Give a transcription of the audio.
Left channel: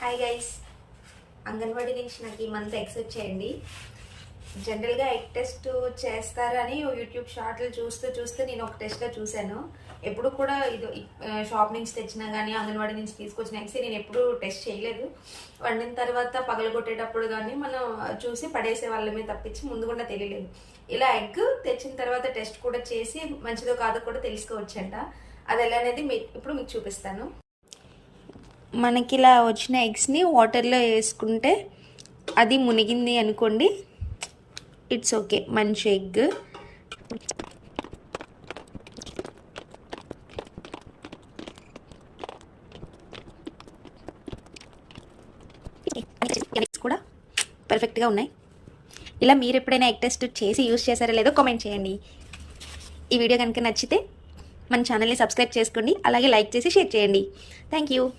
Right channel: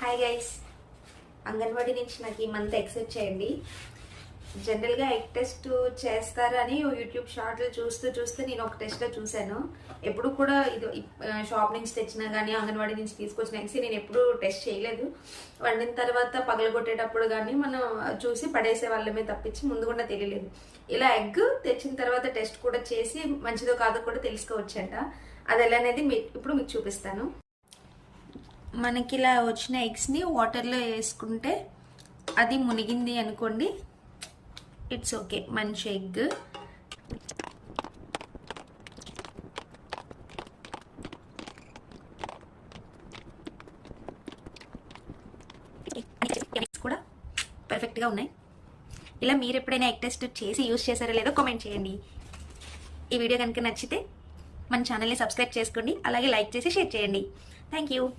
Hi guys, anganwadi నుంచి నాకు ఈ మంత్ ఎగ్స్ వచ్చాయండి. జనరల్గా ఎగ్ టెస్ట్ చేస్తారని యూట్యూబ్ షార్ట్లు చూస్తూ నేను ఒక టెస్ట్లో చూశాను. ఎప్పుడు కూడా ఇది షాప్ నుంచి తెచ్చినా కానీ అంగన్వాడీ నుంచి తీసుకొచ్చిన ఎగ్స్ నేను ఎప్పుడు టెస్ట్ చేయలేదు. వండిన తర్వాత పగలగొట్టేటప్పుడు కానీ మనం చూసి పడేసే వాళ్ళమే తప్పించి ముందు కూడా తెలియలేదు. ఇలా ఎగ్ తెచ్చిన తర్వాత టెస్ట్ కూడా చేసి మంచిదో కాదో కూడా తెలుసుకోవచ్చంట. అది ఎలా అనేది ఇప్పుడు మీకు చూపిస్తాను. మనకి ఇలా వచ్చిన ఎగ్స్ని వాటర్లో వేసుకుంటే అది మునిగింది అనుకోండి, ఇట్స్ ఓకే, మంచి ఎగ్. కూడా పర్ఫెక్ట్గా ఉన్నాయి. ఇలా మీరు ఎప్పుడైనా ఎగ్ టెస్ట్ చేసి యూస్ చేశారో లేదో కామెంట్ చేయండి. ఈ వీడియో కనుక నచ్చితే మన ఛానల్ని సబ్స్క్రైబ్ చేసుకోండి, అలాగే లైక్ చేసి షేర్ చేయండి. Thank you.